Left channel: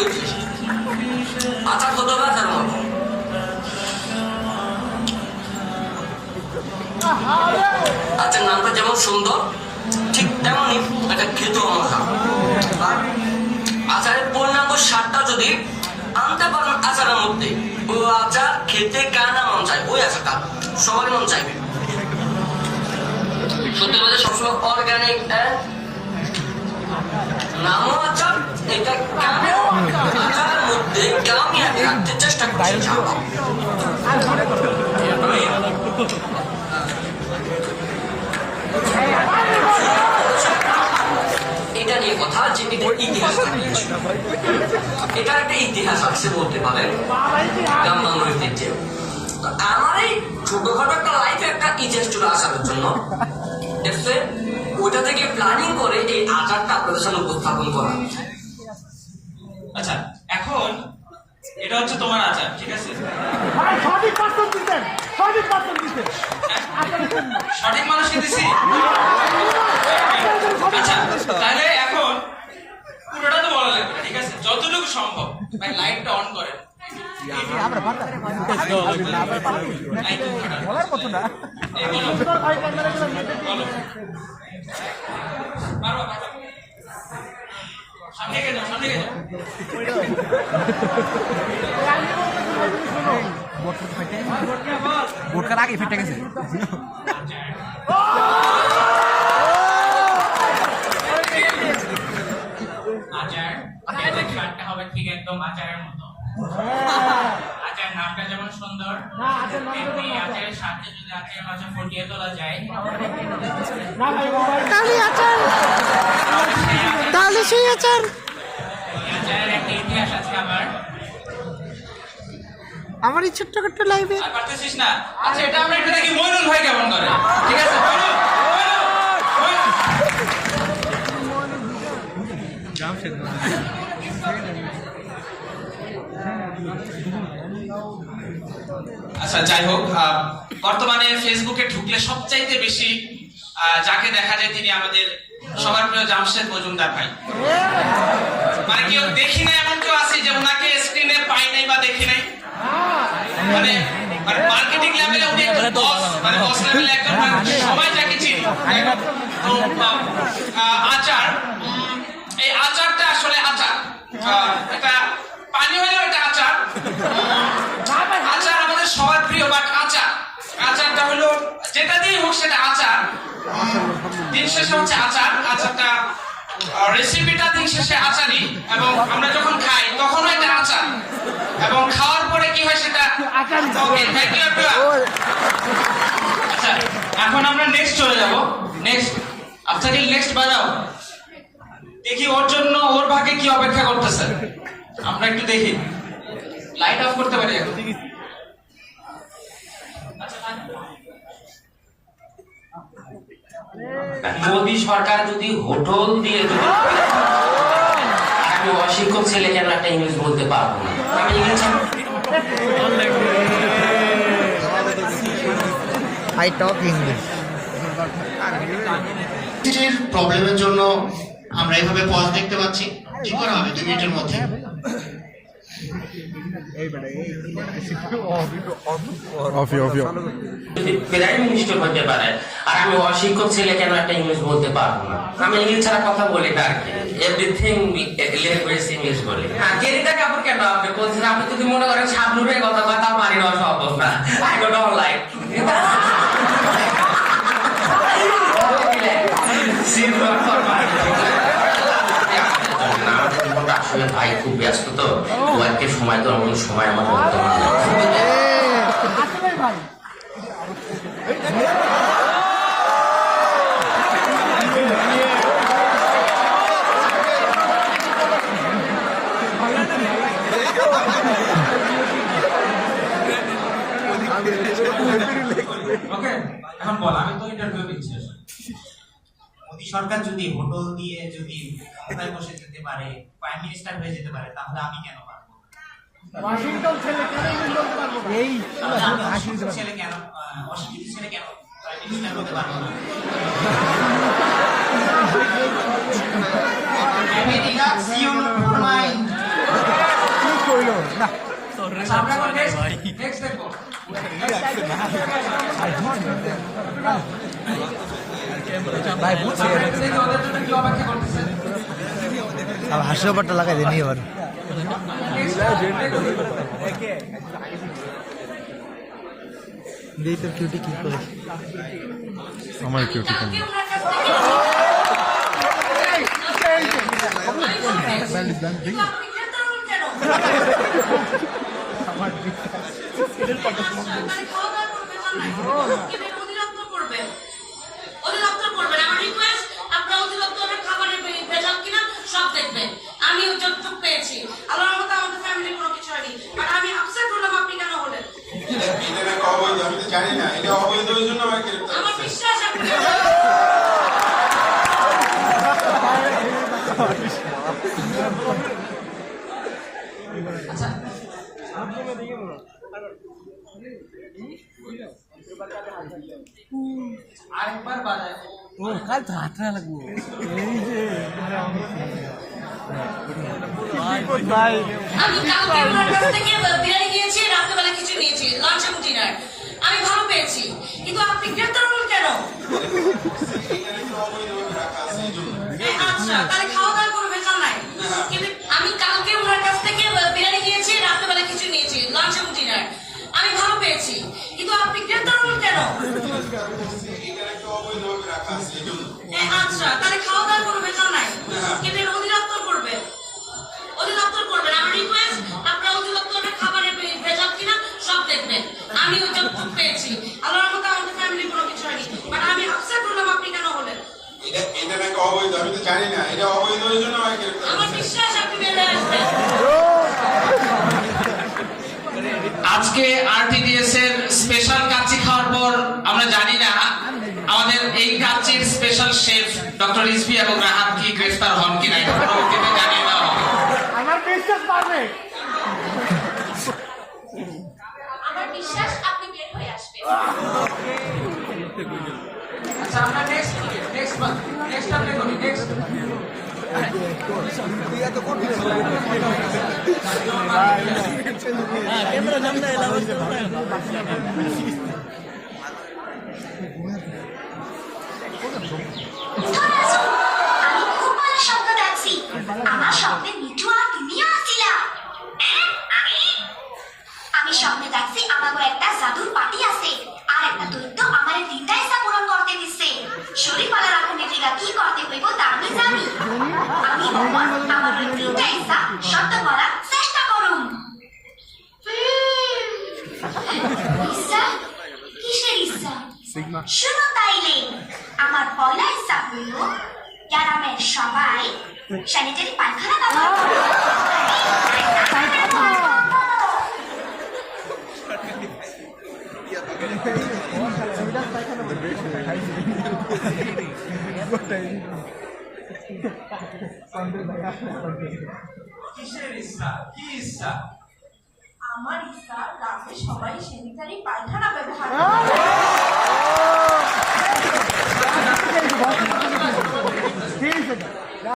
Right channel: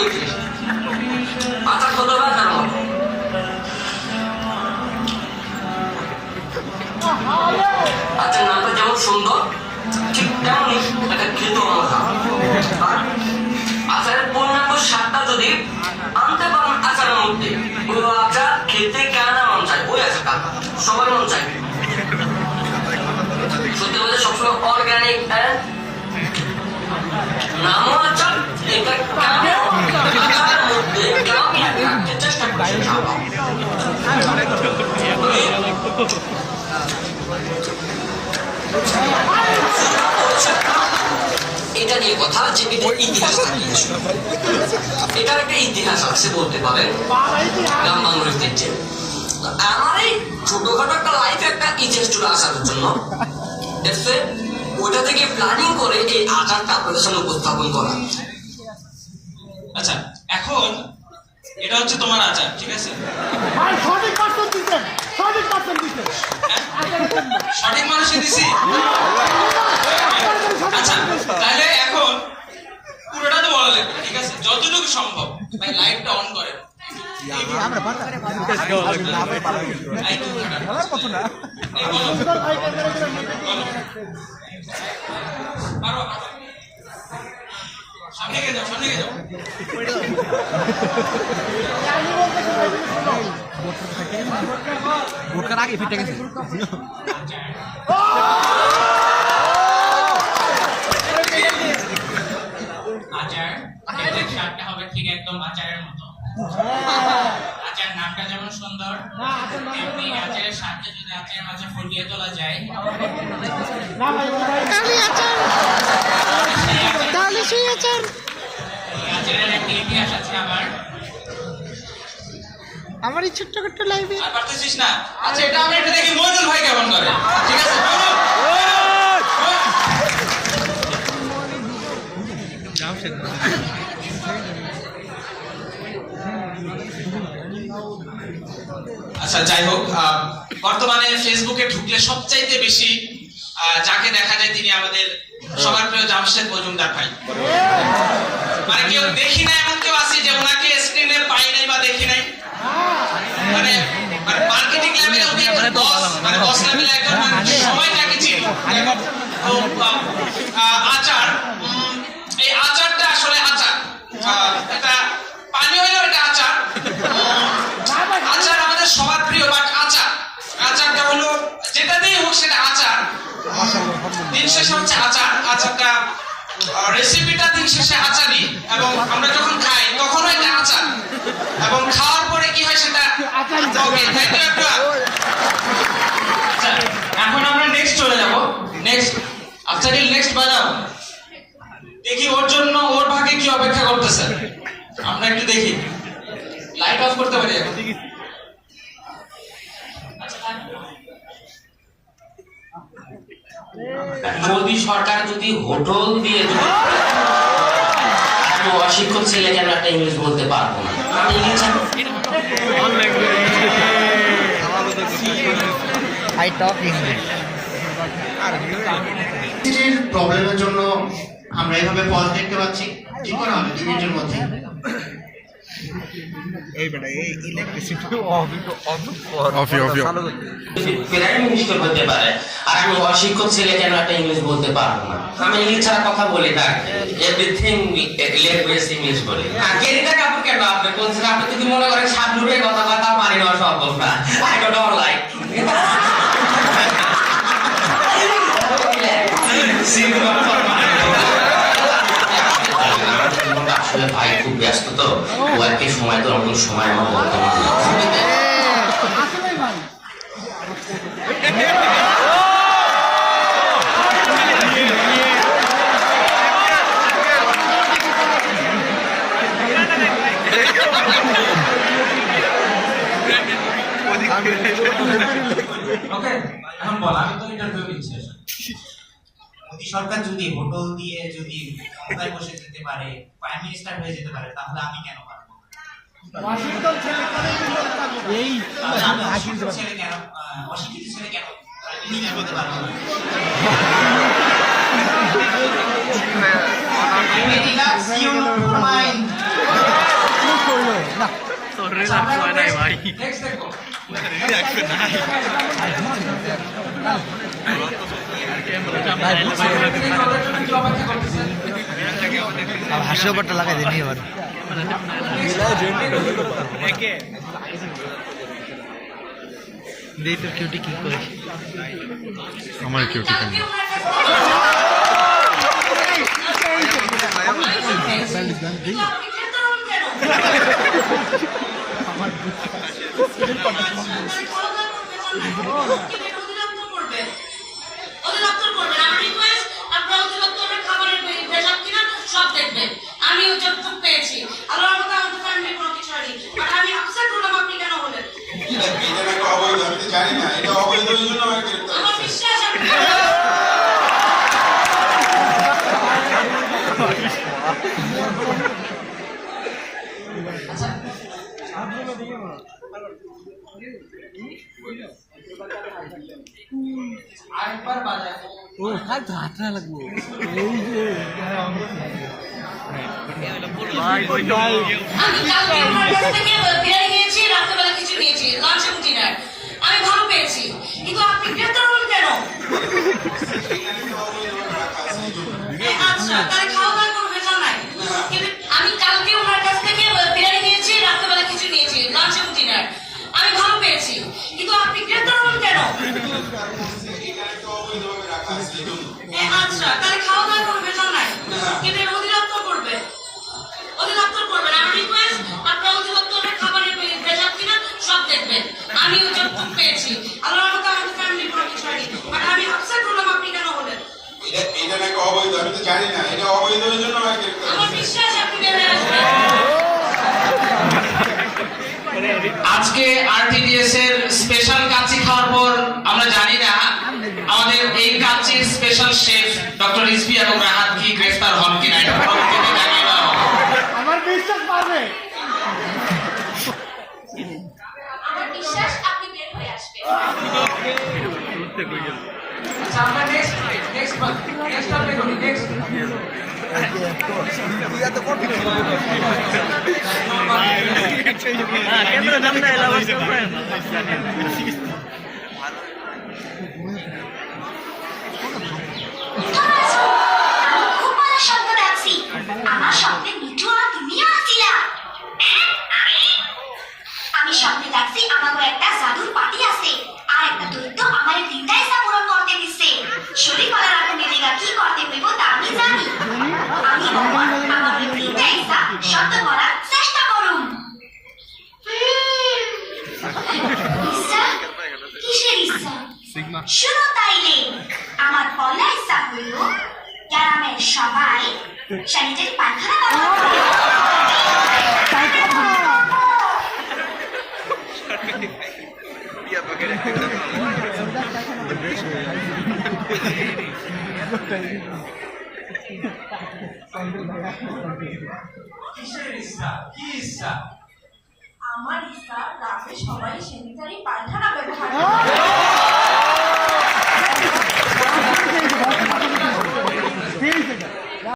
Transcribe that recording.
দেখছিস আচার কত হবে আচার মতো। আচার নামটা যেমন সুন্দর ঠিক তেমনই এটা খেতেও মজা। আর আচারের পূর্ণাঙ্গ স্বাদটা যদি আনতে পারেন আচারের মধ্যে, ওই আচার খেতে কার না মন চাই, ওই আচারটা সবারই মন চাইবে। সত্যি বলতে সবসময় অর্গানিক নামও আচার, এটা গ্রামেও আচারের মধ্যে গ্রামে রাখতে চেষ্টা করছি ইনশাআল্লাহ। এটা নিয়ে কথা যে ইতিহাস এটার একটা ইতিহাস আছে বলতে পারেন গ্রাম বাংলার ঐতিহ্যে। আমার এই ছোটখাটো একটা লাইফে একটা ইতিহাস চলে আসার জন্য ওইটা থেকে প্ল্যানিং করে এই আচারটা আপনাদের সামনে উপস্থাপন করা। আচ্ছা, এখন এটা হচ্ছে তোমার আচার, ঠিক আছে? সঠিক মানুষই দিছি। আচ্ছা, তাহলে এখন পুরোটা তো বলা যাবে, ঠিক আছে? যতটুকু সম্ভব। ভাই লাইটটা অন করেন। সামনে গিয়ে যাও, সামনে গিয়ে যাও। ভোটকার আগে ফিটে গেছে। আচার স্বাদটা হবে ঠিক একদম আচারের মতো। আচার নামটা যেমন সুন্দর, তেমনি আচারের স্বাদটা যদি আচারের মাঝে ফুটিয়ে তোলা যায়, আচারের একটা ইতিহাস আছে আমার এই ছোট্ট ছোট্ট লাইফে। আর পারতেছিস না? আচ্ছা, এটা আমরা একটু দেখি মইনুল ভাই কেমন করে, ঠিক আছে? আচ্ছা, যাই হোক, বর্তমানে ফেসবুকে ঢুকলে সবচাইতে বেশি যাকে দেখা যায় তিনি আমাদের সবার প্রিয় জামশেদ মজুমদার ভাই। মানে কেউ দেখি না এমন কেউ আছে যে ওনাকে স্ক্রিনে পাই নাই বা দেখি নাই। মানে মার্কেটিং লেভেলে উনি একটা বস, মানে বস লেভেলে একজন, মানে সবাই যাকে চিনি। তো আচার, এই আচারটা আসলে আচার, এটা পানি হইলেও এটা আচার। আচার আমাদের সবার প্রিয়, বাট আচারটা হলো যেটা দিয়ে হোক সেটা আচার। দিন শেষে হচ্ছে আচার, আচারটা রেসিপিটা দিন শেষে আচারই, এবং আমরা যখন খাই তখন এটা আচার, এবং খাওয়ার পরে কি হয় সেটা ওকে। থ্যাংক ইউ একটু। আচ্ছা, এখন আমরা নেক্সট চলে যাব। নেক্সট আফসারিল, নেক্সট বাজাও। দেখি ওর জন্য ওর ভাগে কি অপেক্ষা করতেছে, আমরা একটু দেখি। লাইট অফ করতে পারি এখন? মোদী সরকার যদি হোটেল দিয়ে অশিক্ষক ছেলে কেন একটা ইংলিশ বলতে পারবো না? প্রবলেমের জন্য আমরা এইভাবে পজ দেখতে পাচ্ছি। কি করা হবে 2 মিনিটের মধ্যে? প্রাইম মিনিস্টার হতে পারে, আর আমি অশিক্ষক ছেলে কেন একটা ইংলিশ বলতে পারবো না? আমি ইংলিশ ছাড়া কথা বলি না, এভরিথিং ল্যাঙ্গুয়েজ ইংলিশ বলি। গেরিটা কাপড় কেন আপনি বলছেন? আপনি যদি মনে করেন সাবনুরে কথা কথা মানি নেওয়া সম্ভব না। আই ডোন্ট লাইক আসলে ভাই খুব ব্যস্ত, তো ওয়াইফকে সময় তো এমন সময় আমার বর্তমান ওকে, এখন বল, আমি তো ইন্টারভিউ দিচ্ছি। মোদী সরকার যদি হোটেল দিয়ে যদি ক্ষমতায় বসে যেতে পারে, প্রাইম মিনিস্টার হয়ে যেতে পারে, তাহলে আমি কেন পারবো না? ওয়াশিংটন ছেলে কেন বলতে পারবো না? এই তাহলে আমি অশিক্ষিত ছেলে কেন প্রাইম মিনিস্টার হতে পারবো না? I may relax, you know, for mine. আচ্ছা আমরা নেক্সট দেখবো হাসিপাট্টা লাগাই দেনি এবার দেই তোর কিউটি কি করে আমার কিউটি কেন আমি যতটুকু পেয়েছি আল্লাহর মতো আমাদের ফ্যামিলি কোনো কিছু হয়নি বাট আমি আপসেট হলাম আপনি কেন হলেন এটা নাকি অবৈধ আমি তো জানি না এটা অবৈধ ওই জন্য আমাকে গ্রেফতার আমার বিশ্বাস আপনি আরেকবার বাজায় ও কাল তো হাতরা লাগবো আমি কালকে ওনার কাছ থেকে বিরিয়ানি নিয়েছি রাত্রেবেলা কিছু নিয়েছি লাঞ্চ এবং ডিনার আমি ভালো পেয়েছি কিন্তু আপনি গ্রেফতার হলেন কেন আচ্ছা তাহলে খাওয়া দাওয়া কোনো ভেজাল নাই কিন্তু আমি কালকে ওনার কাছ থেকে বিরিয়ানি নিয়েছি রাত্রেবেলা কিছু নিয়েছি লাঞ্চ এবং ডিনার আমি ভালো পেয়েছি কিন্তু আপনি গ্রেফতার হলেন কেন আচ্ছা তাহলে খাওয়া দাওয়া কোনো ভেজাল নাই কিন্তু এটা অধিদপ্তর করবে অধিদপ্তর করবেন আমার রিকোয়েস্ট আপনারা অধিদপ্তরের খাবারের ভেজাল কিনা সব দেখবেন আমি যতটুকু পেয়েছি আল্লাহর মতো আমাদের ফ্যামিলি কোনো কিছু হয়নি বাট আমি আপসেট হলাম আপনি কেন হলেন এটা নাকি অবৈধ আমি তো জানি না এটা অবৈধ ওই জন্য আমাকে গ্রেফতার আমার বিশ্বাস আপনি বেরিয়ে আসবেন আজকে আরটিডিএস এর স্পেশাল কাচ্চি খাওয়ার পর আমরা জানি না আমাদের এই কাচ্চির স্পেশাল শেফ ডক্টর রিজভি এবং রাহাত কি গ্রেফতার হন কিনা এটা পরবর্তীতে জানিয়ে দেওয়া হবে আমার বিশ্বাস পারবে আমার বিশ্বাস আপনি বের হয়ে আসবেন আচ্ছা আমরা নেক্সট আপনি করি নেক্সট ক্যামেরা জামনা এলাম আমি খুব ভালো স্বপ্ন দেখছি আমার স্বপ্নে মিঠু আর তুমিও আসিলা আমি স্বপ্নে দেখছি আমাকে একটা জাদুর পার্টি আছে আর একটা দৈত্য আমার তিনটা ইচ্ছা পূরণ করতে দিচ্ছে শরীর পালা রাখতে মিলিগা কি করতে হইব তা আমি জানি আমি আমার তিনটা ইচ্ছা সত্য করার চেষ্টা করুম ইচ্ছা কিসের ইচ্ছা শুনো তাইলে আমার পয়লা ইচ্ছা হইল গ্রামের সবাই স্যানিটারি পায়খানা ব্যবহার আমার ইচ্ছা গ্রামে সবাই স্যানিটারি পায়খানা ব্যবহার ঠিক আছে